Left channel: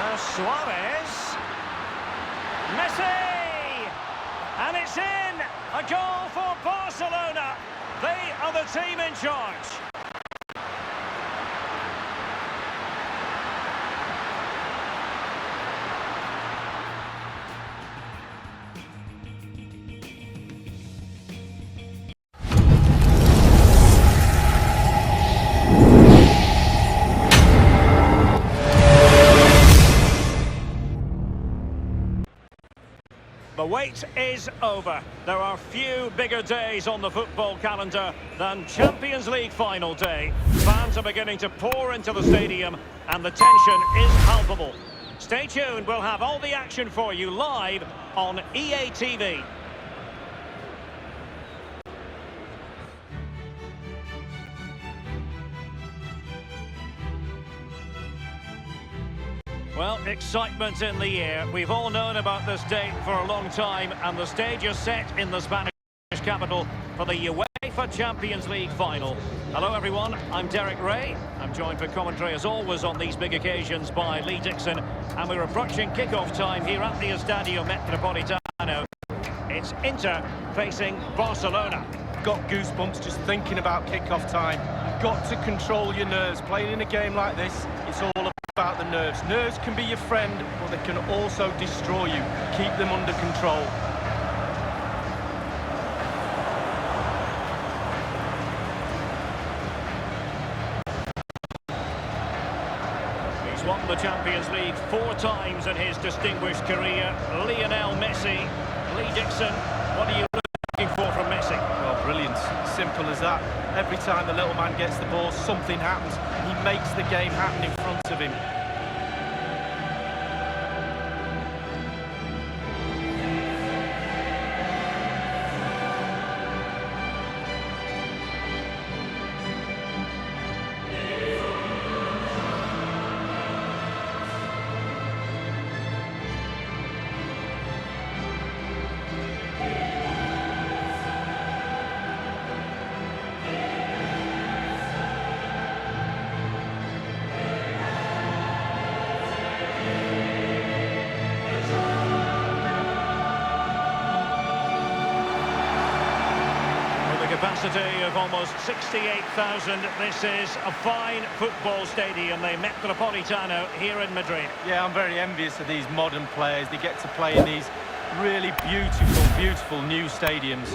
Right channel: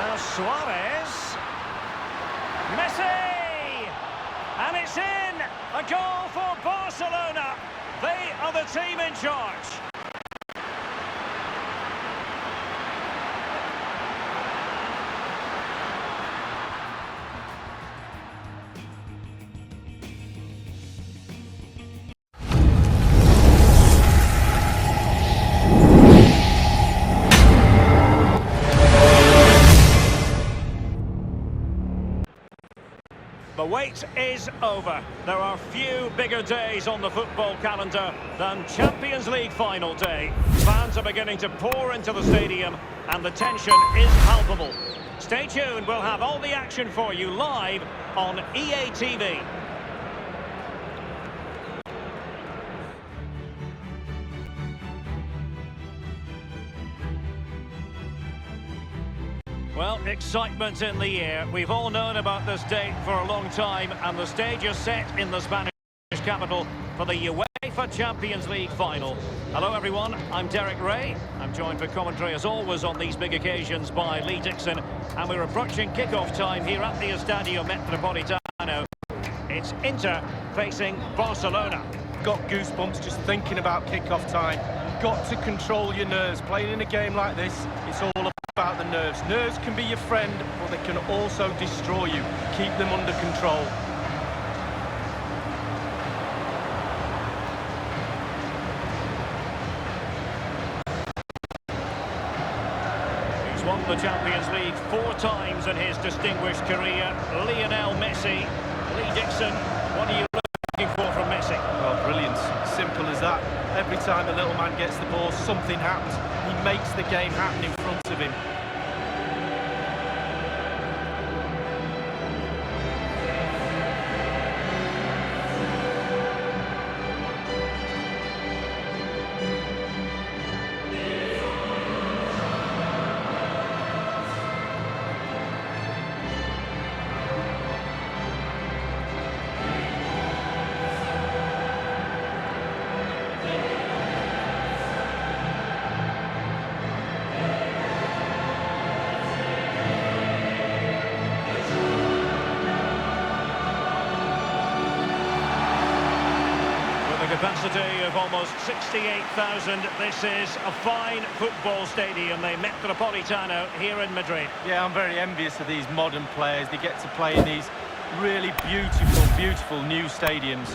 Now Suarez. Messi! And it's in! A goal for Barcelona. They are the team in charge. The wait is over. There are few bigger days on the football calendar than Champions League final day. Fans are beginning to pour into the stadium and the tension is palpable. Stay tuned, we'll have all the action for you live on EA TV. Well, excitement in the air. We've all known about this date for a long time, and the stage is set in the Spanish capital for the UEFA Champions League final. Hello everyone, I'm Derek Ray. I'm joined for commentary as always on these big occasions by Lee Dixon, and we're approaching kick-off time here at the Estadio Metropolitano. It's Inter facing Barcelona. Got goosebumps just thinking about kick-off time. You've got to control your nerves. Playing in a game like this, it's all about the nerves. Nerves can be your friend, but they can also destroy you. Keep them under control. He's won the Champions League 4 times in his distinguished career. Lionel Messi. Lee Dixon, what are you looking for from Messi? Well, brilliance. Simple as that. Every time the little man gets the ball, something happens. He makes the game happen in front of him. Capacity of almost 68,000. This is a fine football stadium, the Metropolitano here in Madrid. Yeah, I'm very envious of these modern players. They get to play in these really beautiful, beautiful new stadiums.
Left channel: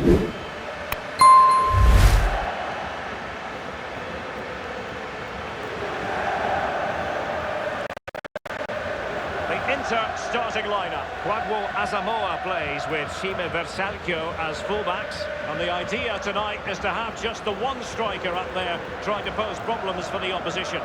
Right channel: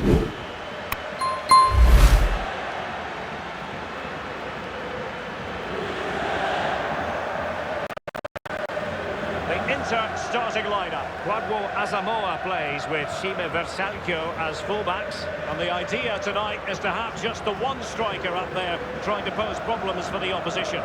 The Inter starting lineup. Kwadwo Asamoah plays with Shime Versalco as fullbacks. And the idea tonight is to have just the one striker up there trying to pose problems for the opposition.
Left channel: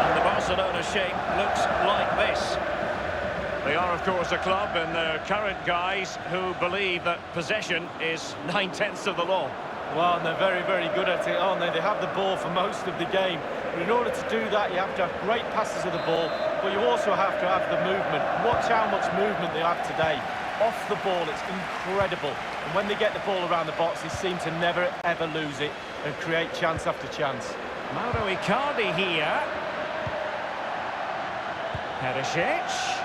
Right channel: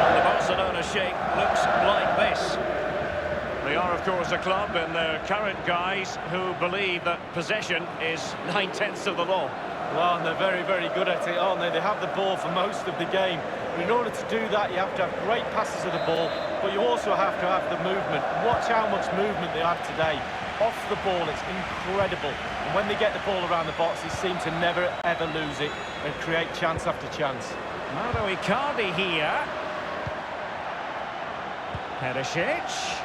And the Barcelona shape looks like this. They are, of course, a club in their current guise who believe that possession is 9/10 of the law. Well, and they're very, very good at it, aren't they? They have the ball for most of the game. But in order to do that, you have to have great passes of the ball, but you also have to have the movement. Watch how much movement they have today. Off the ball, it's incredible. And when they get the ball around the box, they seem to never, ever lose it and create chance after chance. Mauro Icardi here. Perisic.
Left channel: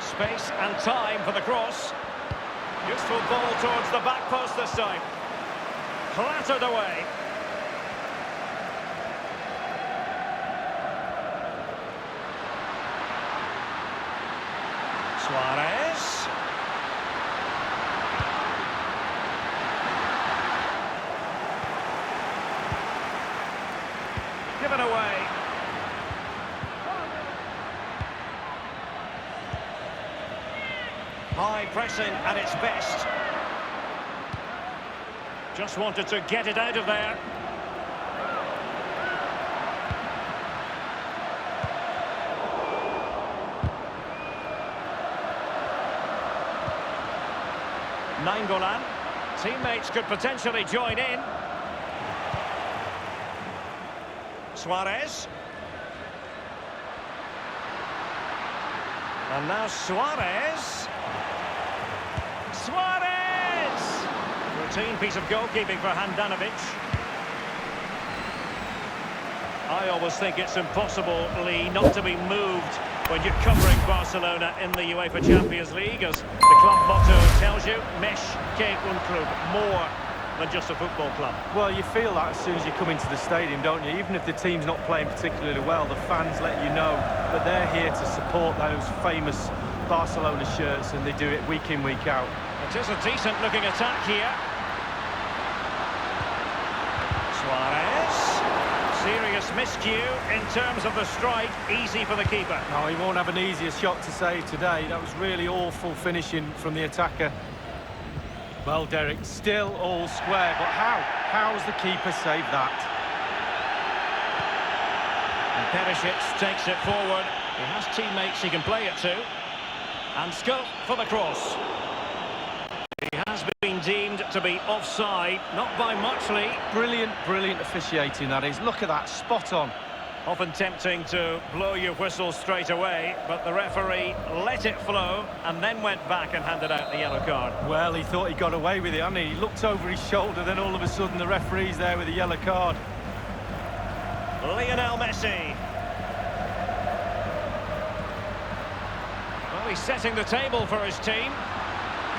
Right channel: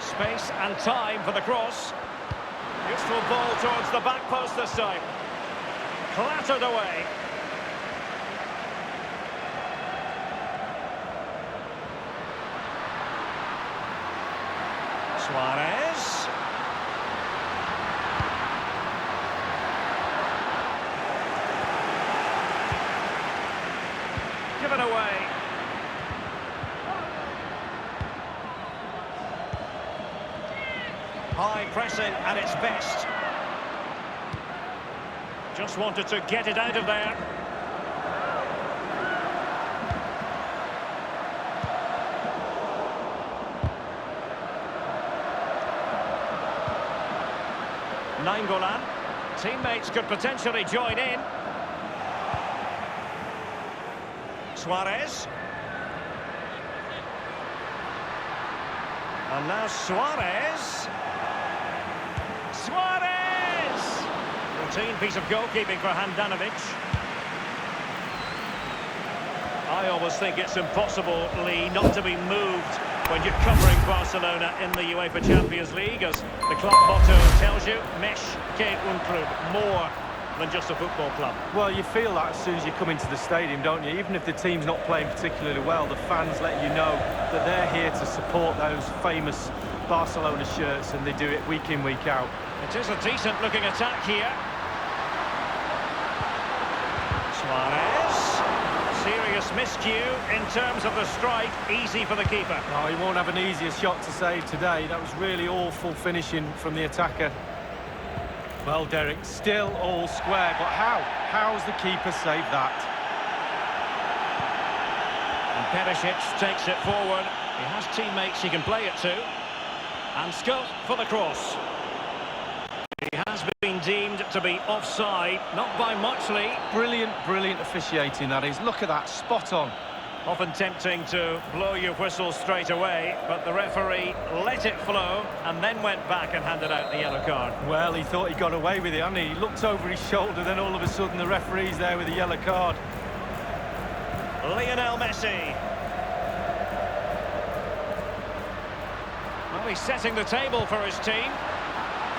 Space and time for the cross. Useful ball towards the back post this time. Clattered away. Suarez. Given away. High pressing at its best. Just wanted to get it out of there. Nainggolan. Teammates could potentially join in. Suarez. And now Suarez. Suarez! Routine piece of goalkeeping for Handanovic. I always think it's impossible, Lee, not to be moved when you're covering Barcelona in the UEFA Champions League, as the club motto tells you, Mesh que un club, more than just a football club. Well, you feel that as soon as you come into the stadium, don't you? Even if the team's not playing particularly well, the fans let you know that they're here to support those famous Barcelona shirts, and they do it week in, week out. It is a decent-looking attack here. Suarez. Serious miscue in terms of the strike. Easy for the keeper. No, he won't have an easier shot to save today. That was really awful finishing from the attacker. Well, Derek, still all square, but how? How's the keeper saved that? And Perisic takes it forward. He has teammates he can play it to. And scope for the cross. He has been deemed to be offside, not by much, Lee. Brilliant, brilliant officiating, that is. Look at that, spot on. Often tempting to blow your whistle straight away, but the referee let it flow and then went back and handed out the yellow card. Well, he thought he got away with it, hadn't he? He looked over his shoulder, then all of a sudden the referee's there with a yellow card. Lionel Messi. Well, he's setting the table for his team.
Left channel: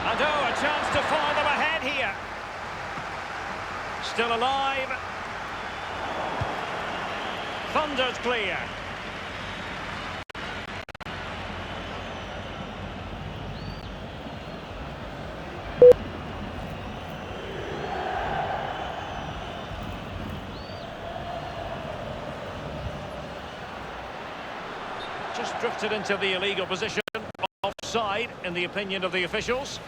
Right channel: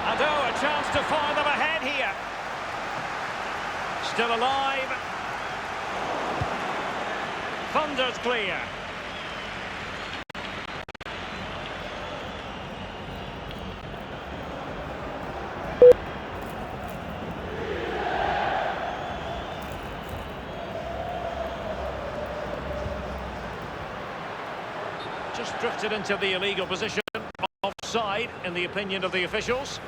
And oh, a chance to fire them ahead here. Still alive. Thunder's clear. Just drifted into the illegal position. Offside, in the opinion of the officials.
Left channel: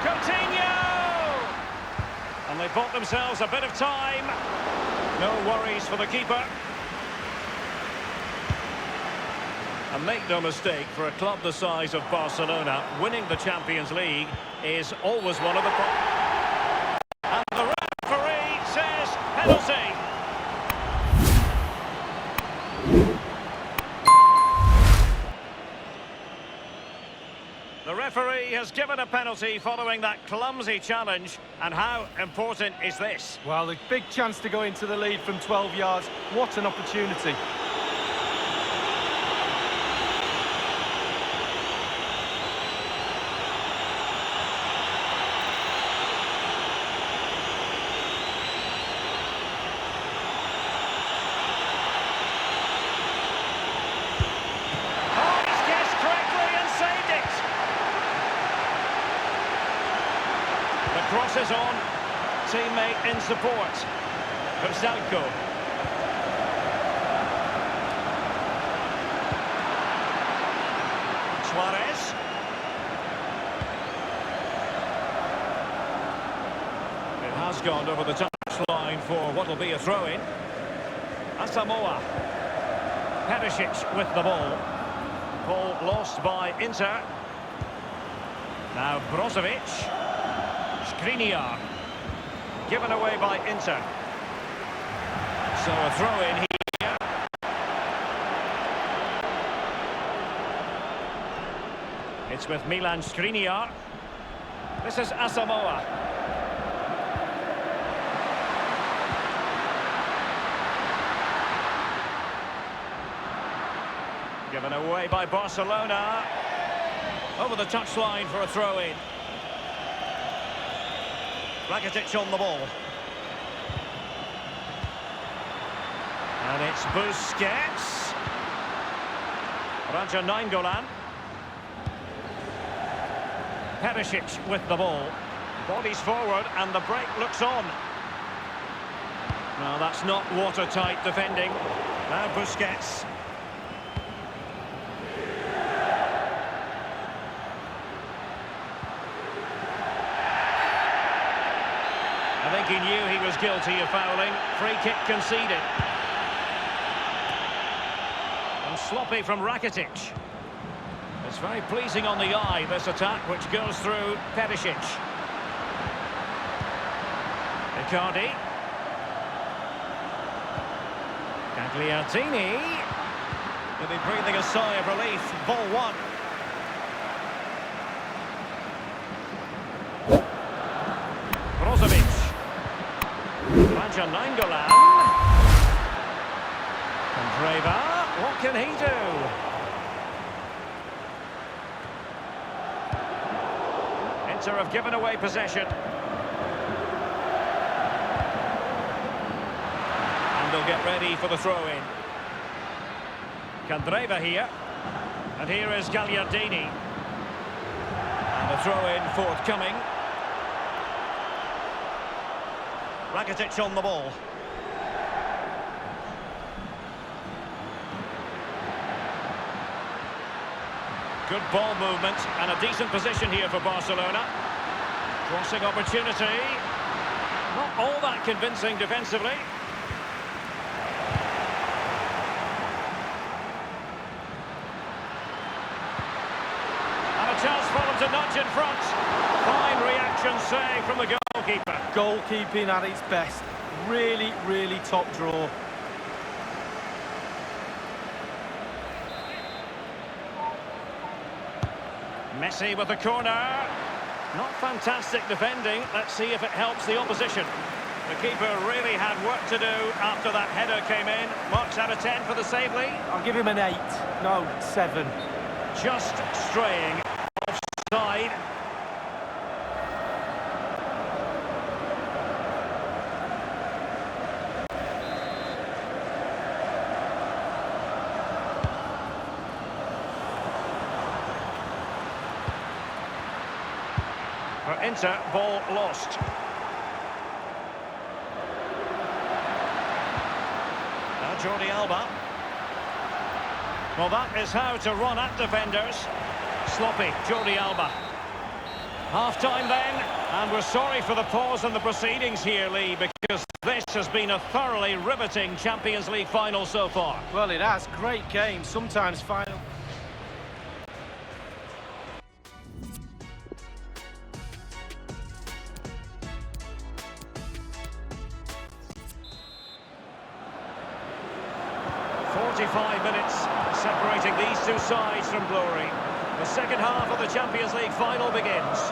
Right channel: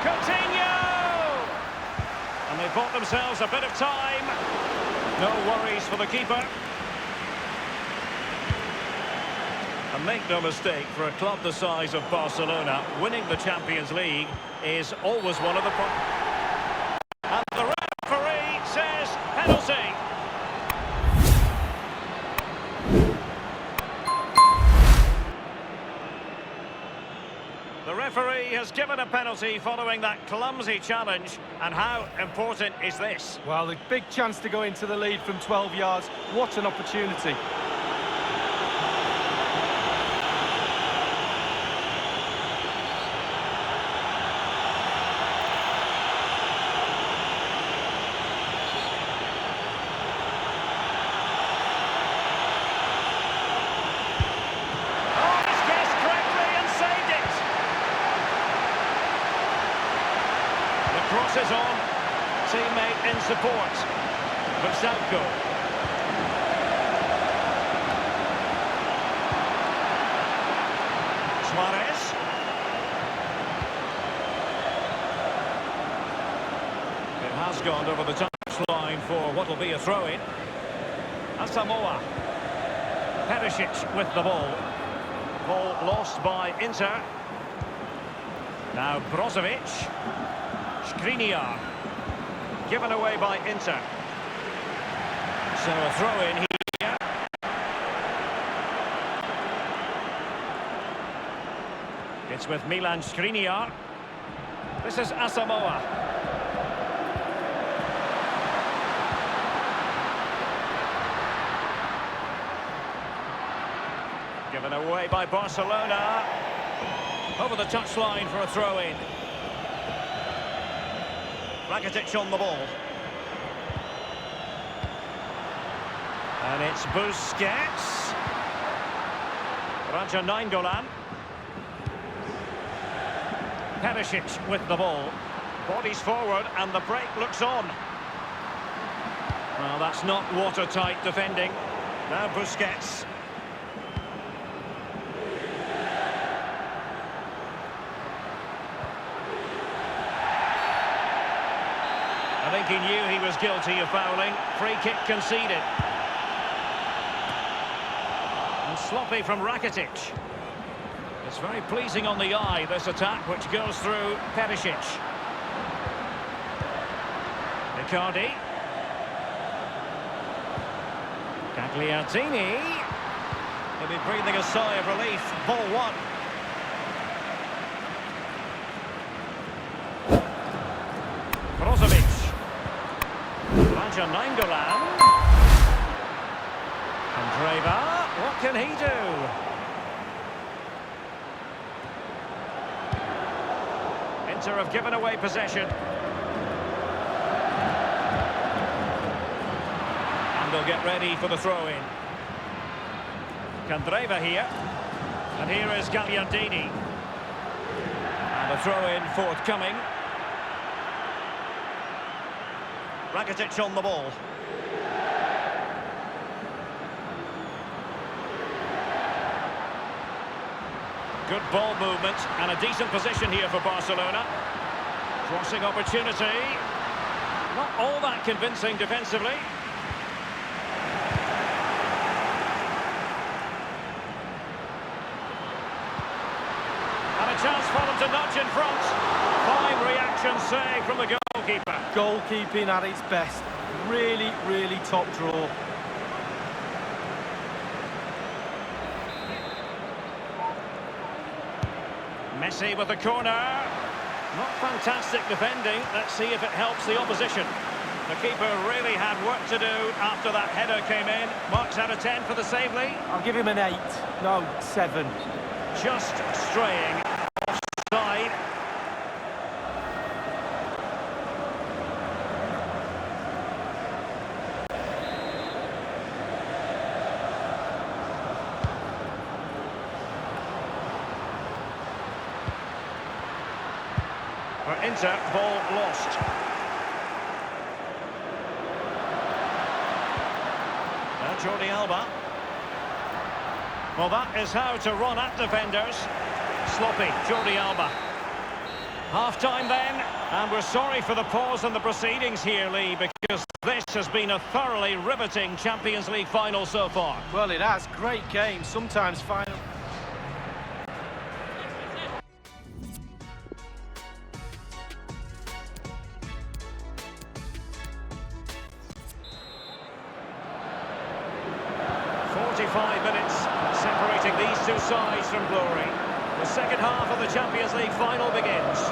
Coutinho! And they bought themselves a bit of time. No worries for the keeper. And make no mistake, for a club the size of Barcelona, winning the Champions League is always one of the... And the referee says penalty. The referee has given a penalty following that clumsy challenge. And how important is this? Well, a big chance to go into the lead from 12 yards. What an opportunity. Crosses on, teammate in support. Versalco. Suarez. It has gone over the touchline for what will be a throw-in. Asamoah. Perisic with the ball. Ball lost by Inter. Now Brozovic. Skriniar, given away by Inter. So a throw-in here. It's with Milan Skriniar. This is Asamoah. Given away by Barcelona. Over the touchline for a throw-in. Rakitic on the ball. And it's Busquets. Raja Nainggolan. Perisic with the ball. Bodies forward and the break looks on. Well, that's not watertight defending. Now Busquets. I think he knew he was guilty of fouling. Free kick conceded. And sloppy from Rakitic. It's very pleasing on the eye, this attack, which goes through Perisic. Icardi. Gagliardini. He'll be breathing a sigh of relief. Ball one. Brozovic. Raja Nainggolan. Kandreva. What can he do? Inter have given away possession. And they'll get ready for the throw-in. Kandreva here. And here is Gagliardini. And a throw-in forthcoming. Rakitic on the ball. Good ball movement and a decent position here for Barcelona. Crossing opportunity. Not all that convincing defensively. And a chance for them to nudge in front. Fine reaction save from the goalkeeper. Goalkeeping at its best. Really, really top draw. Messi with the corner. Not fantastic defending. Let's see if it helps the opposition. The keeper really had work to do after that header came in. Marks out of 10 for the save lead. I'll give him an 8. No, 7. Just straying offside. For Inter, ball lost. Now Jordi Alba. Well, that is how to run at defenders. Sloppy, Jordi Alba. Half-time then, and we're sorry for the pause in the proceedings here, Lee, because this has been a thoroughly riveting Champions League final so far. Well, it has. Great game, sometimes final. "45 minutes separating these two sides from glory. The second half of the Champions League final begins.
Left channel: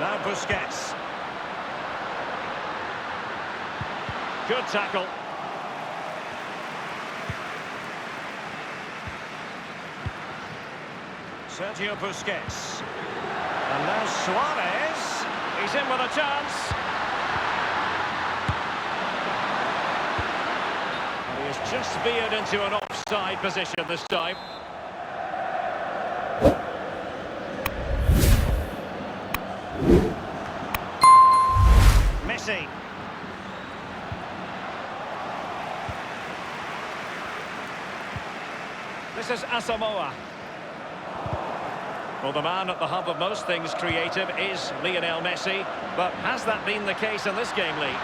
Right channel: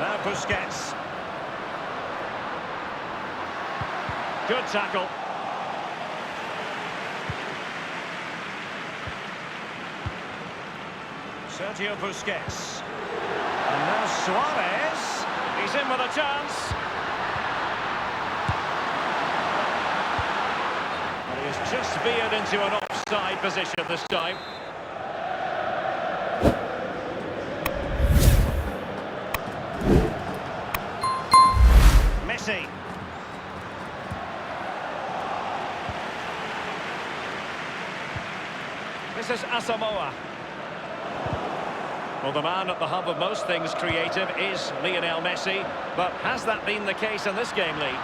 Now Busquets. Good tackle. Sergio Busquets. And now Suarez. He's in with a chance. And he has just veered into an offside position this time. Messi. This is Asamoah. Well, the man at the hub of most things creative is Lionel Messi, but has that been the case in this game, Lee?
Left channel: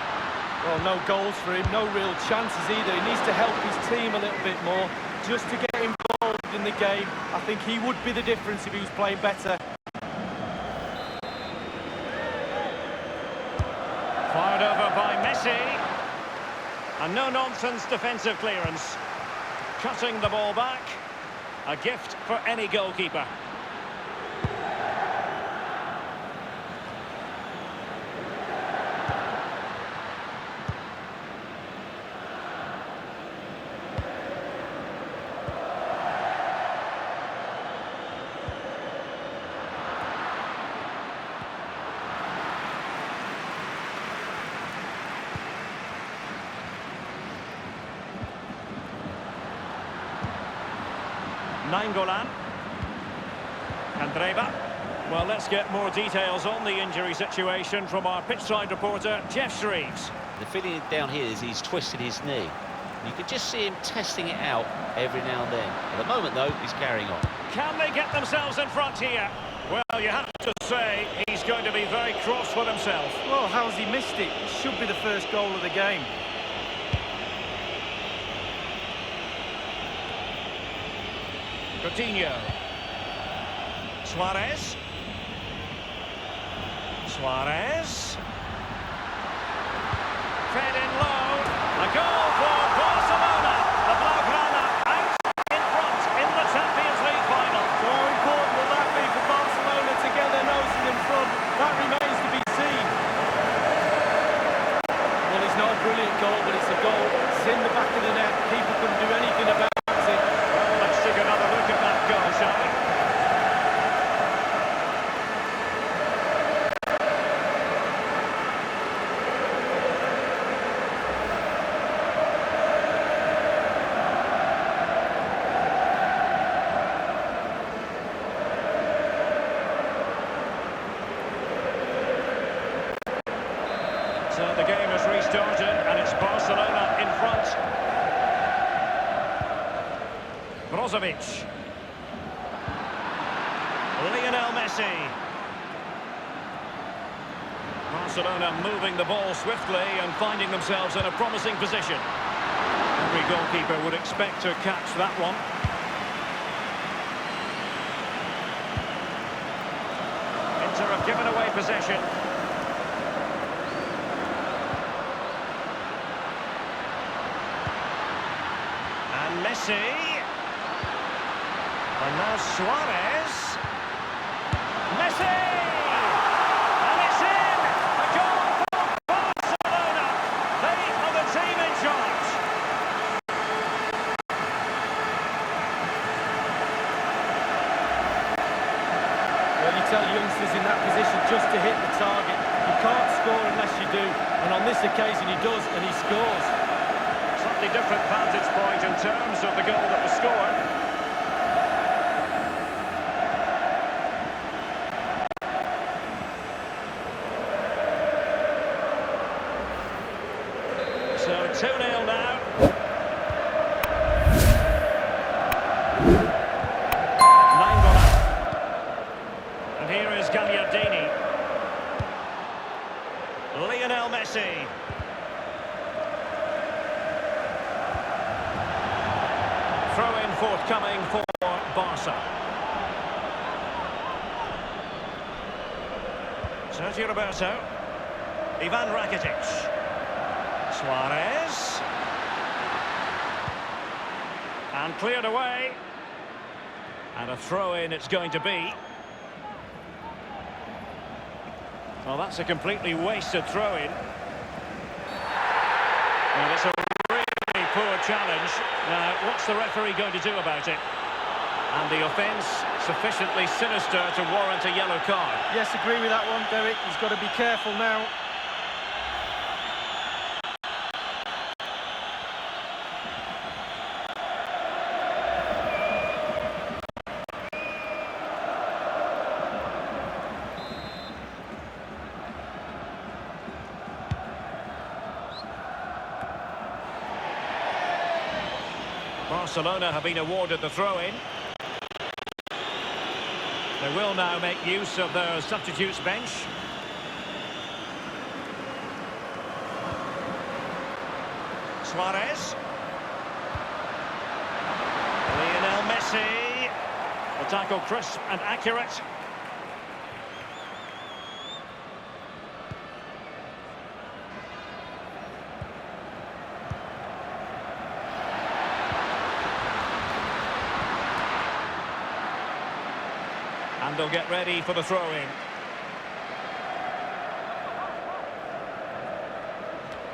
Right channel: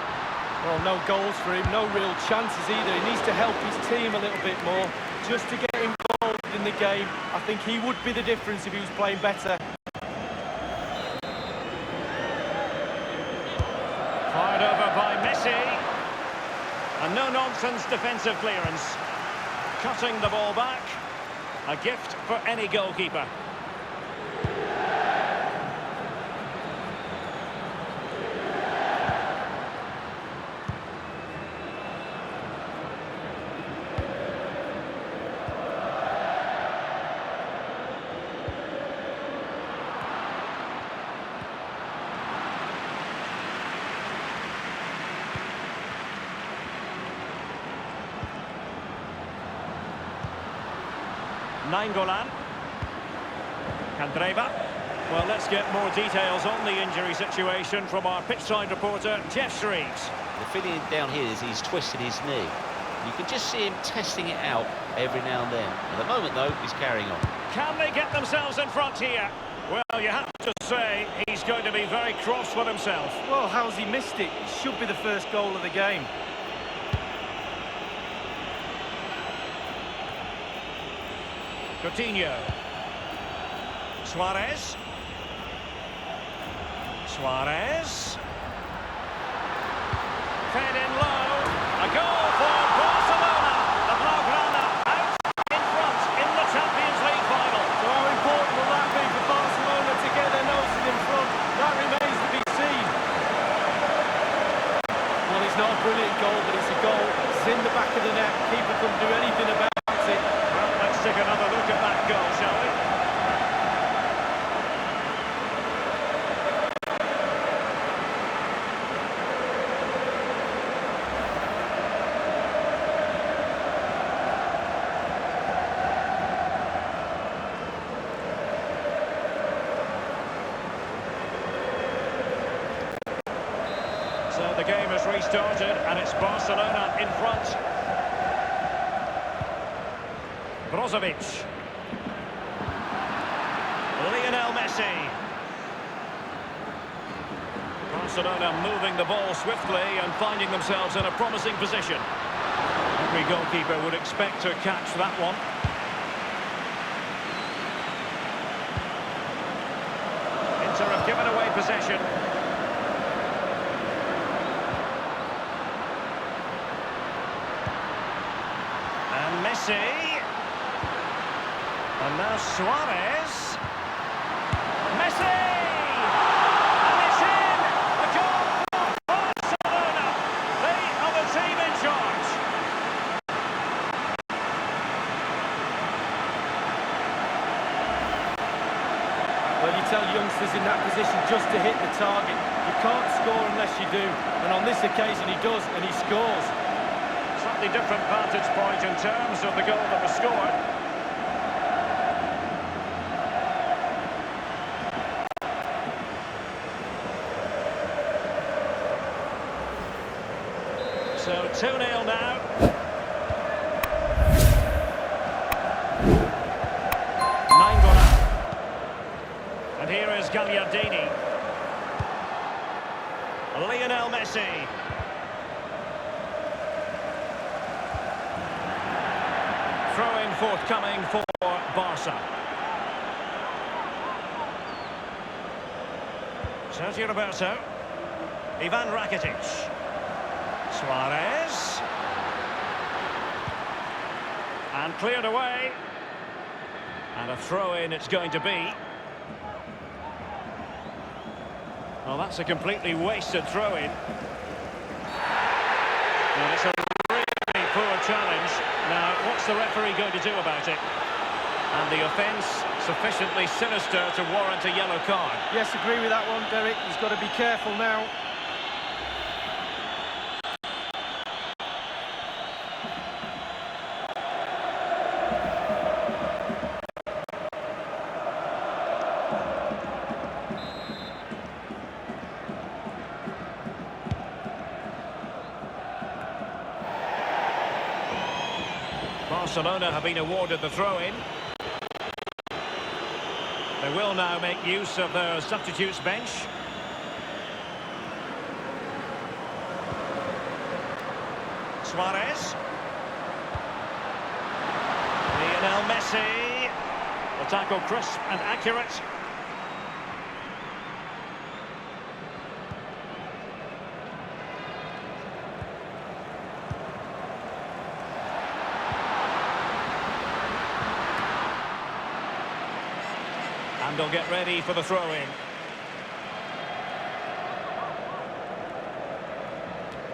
Well, no goals for him, no real chances either. He needs to help his team a little bit more just to get involved in the game. I think he would be the difference if he was playing better. Fired over by Messi. And no-nonsense defensive clearance. Cutting the ball back. A gift for any goalkeeper. Nainggolan. Kandreva. Well, let's get more details on the injury situation from our pitchside reporter, Jeff Shreves. The feeling down here is he's twisted his knee. You can just see him testing it out every now and then. At the moment, though, he's carrying on. Can they get themselves in front here? Well, you have to say he's going to be very cross with himself. Well, how's he missed it? It should be the first goal of the game. Coutinho. Suarez. Suarez. Fed in low. A goal for Barcelona. The Blaugrana out in front in the Champions League final. So how important will that be for Barcelona to get their noses in front? That remains to be seen. Well, it's not a brilliant goal, but it's a goal. It's in the back of the net. Keeper couldn't do anything about it. Well, let's take another look at that goal, shall we? So the game has restarted and it's Barcelona in front. Brozovic. Lionel Messi. Barcelona moving the ball swiftly and finding themselves in a promising position. Every goalkeeper would expect to catch that one. Inter have given away possession. And Messi. And now Suarez. Messi! And it's in! A goal for Barcelona! They are the team in charge. Well, you tell youngsters in that position just to hit the target. You can't score unless you do. And on this occasion he does, and he scores. Slightly different vantage point in terms of the goal that was scored. So 2-0 now. Nainggolan. And here is Gagliardini. Lionel Messi. Throw-in forthcoming for Barca. Sergio Roberto. Ivan Rakitic. Suarez. And cleared away. And a throw-in it's going to be. Well, that's a completely wasted throw-in. And it's a really poor challenge. Now, what's the referee going to do about it? And the offence sufficiently sinister to warrant a yellow card. Yes, agree with that one, Derek. He's got to be careful now. Barcelona have been awarded the throw-in. They will now make use of their substitutes bench. Suarez. Lionel Messi. The tackle crisp and accurate. And they'll get ready for the throw-in.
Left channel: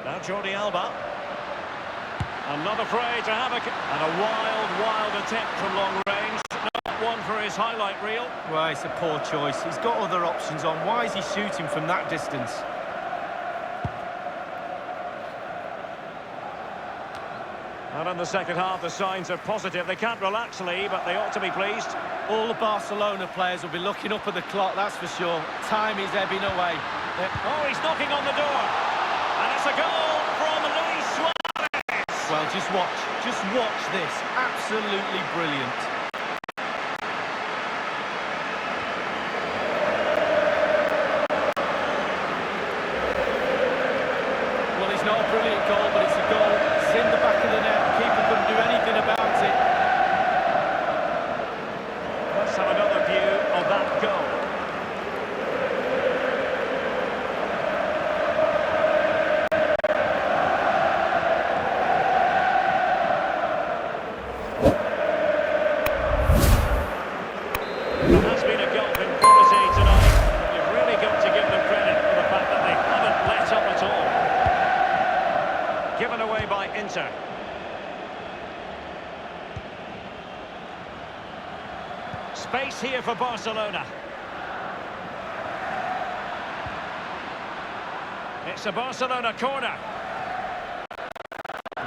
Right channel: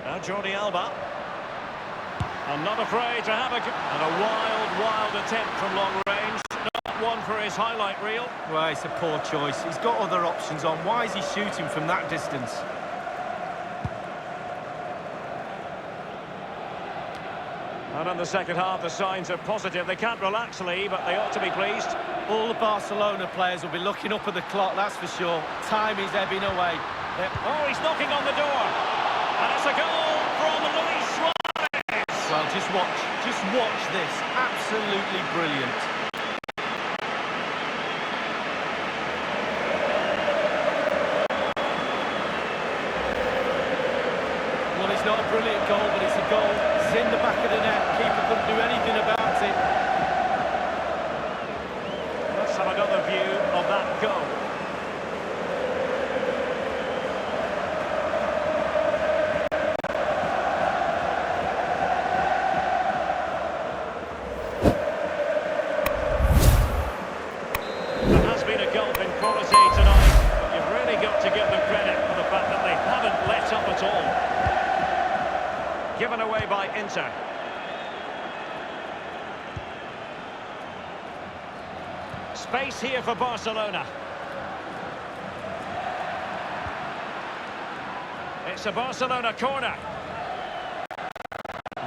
Now Jordi Alba. I'm not afraid to have and a wild attempt from long range. Not one for his highlight reel. Well, it's a poor choice. He's got other options on. Why is he shooting from that distance? And in the second half, the signs are positive. They can't relax, Lee, but they ought to be pleased. All the Barcelona players will be looking up at the clock, that's for sure. Time is ebbing away. Oh, he's knocking on the door. And it's a goal from Luis Suarez. Well, just watch this. Absolutely brilliant. Well, it's not a brilliant goal, but it's a goal. It's in the back of the net. Keeper couldn't do anything about it. Let's have another view of that goal. There has been a gulf in quality tonight, but you've really got to give them credit for the fact that they haven't let up at all. Given away by Inter. Space here for Barcelona. It's a Barcelona corner.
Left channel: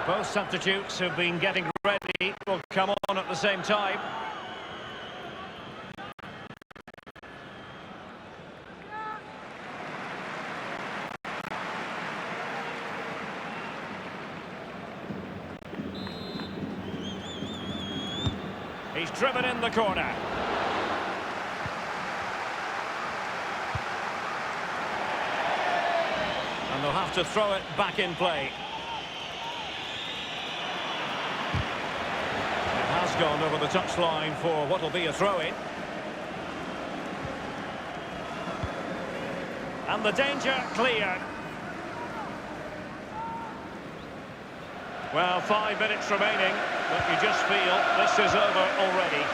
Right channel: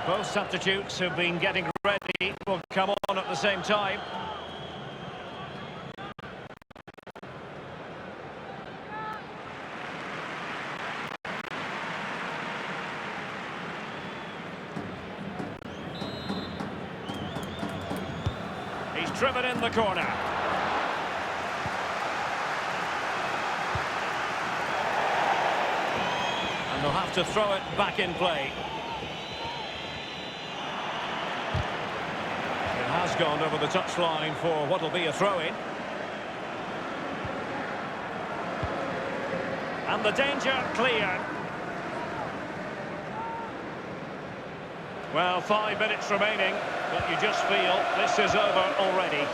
Both substitutes who've been getting ready will come on at the same time. He's driven in the corner. And they'll have to throw it back in play. It has gone over the touchline for what will be a throw-in. And the danger cleared. Well, 5 minutes remaining, but you just feel this is over already.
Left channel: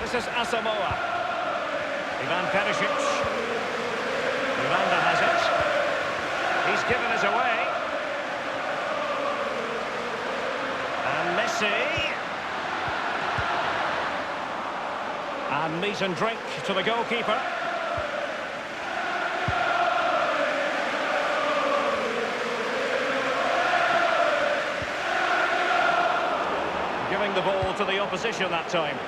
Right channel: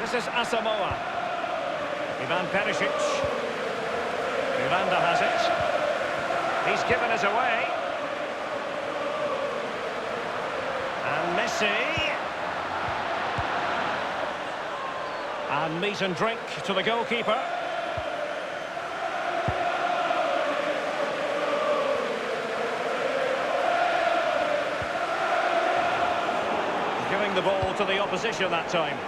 This is Asamoah. Ivan Perisic. Miranda has it. He's given us away. And Messi. And meat and drink to the goalkeeper. Giving the ball to the opposition that time.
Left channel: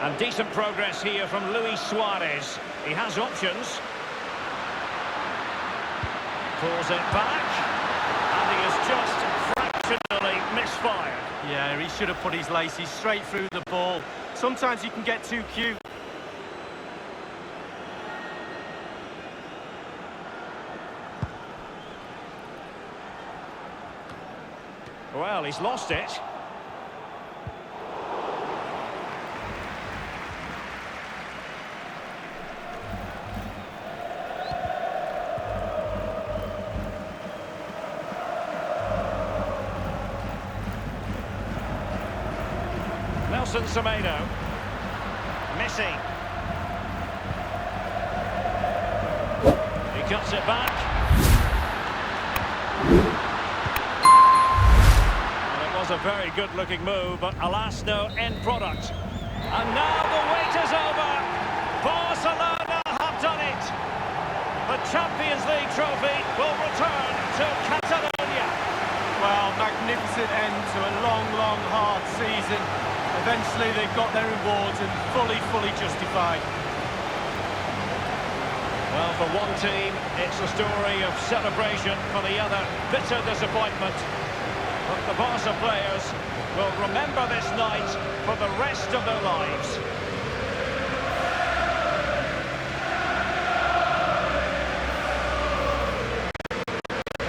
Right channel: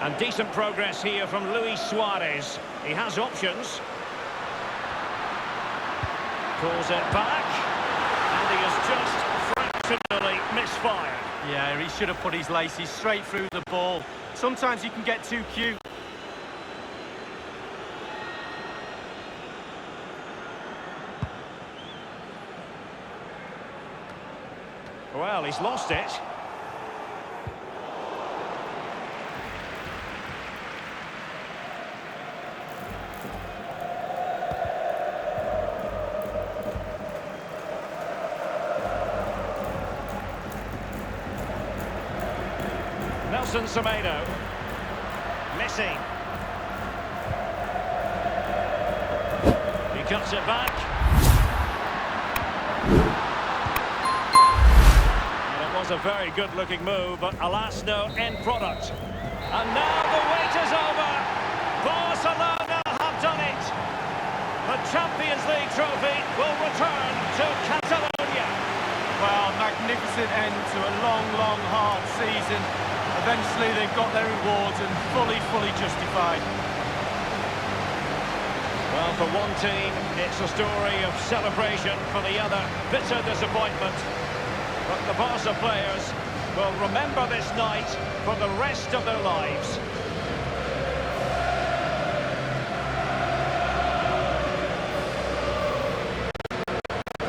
And decent progress here from Luis Suarez. He has options. Pulls it back. And he has just fractionally misfired. Yeah, he should have put his laces straight through the ball. Sometimes you can get too cute. Well, he's lost it. Nelson Semedo. Messi. He cuts it back. And it was a very good-looking move, but alas, no end product. And now the wait is over. Barcelona have done it. The Champions League trophy will return to Catalonia. Well, magnificent end to a long, long, hard season. Eventually they've got their rewards and fully justified. Well, for one team, it's a story of celebration. For the other, bitter disappointment. But the Barca players will remember this night for the rest of their lives.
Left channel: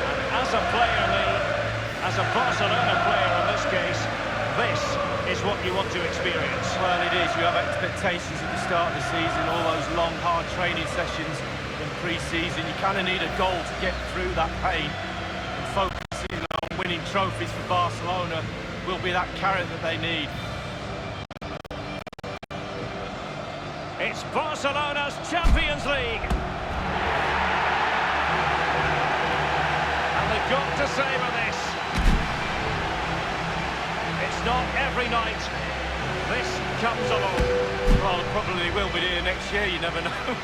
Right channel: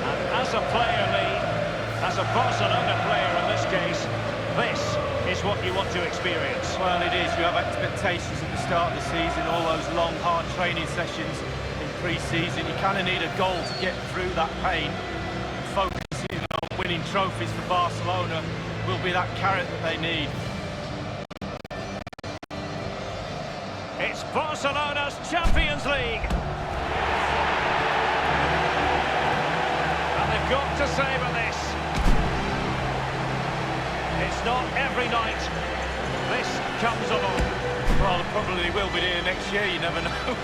And as a player, Lee, as a Barcelona player in this case, this is what you want to experience. Well, it is. You have expectations at the start of the season, all those long, hard training sessions in pre-season. You kind of need a goal to get through that pain. And focusing on winning trophies for Barcelona will be that carrot that they need. It's Barcelona's Champions League. And they've got to savour this. It's not every night this comes along. Well, it probably will be here next year, you never know,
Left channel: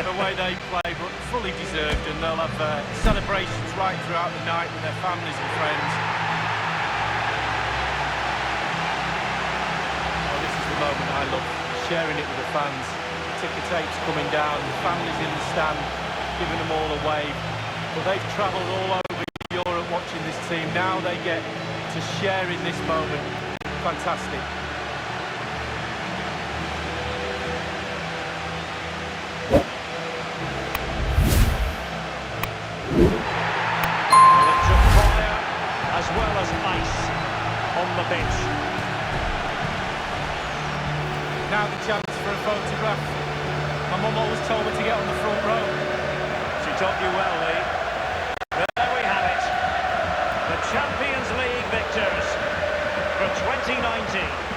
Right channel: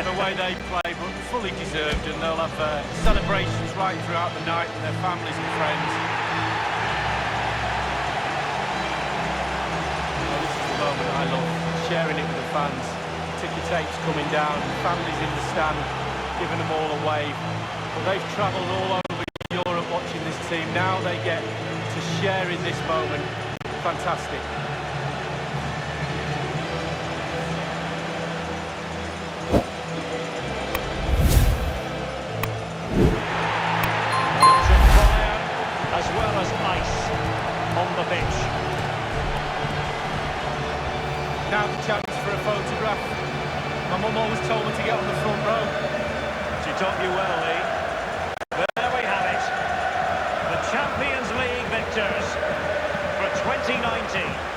the way they play, but fully deserved, and they'll have celebrations right throughout the night with their families and friends. Well, this is the moment I love, sharing it with the fans. Ticker tapes coming down, the families in the stand, giving them all a wave. But they've travelled all over Europe watching this team. Now they get to share in this moment. Fantastic. Well, it took fire as well as ice. on the pitch. Now the chance for a photograph. My mum always told me to get on the front row. She taught you well, Lee. There we have it. The Champions League victors for 2019.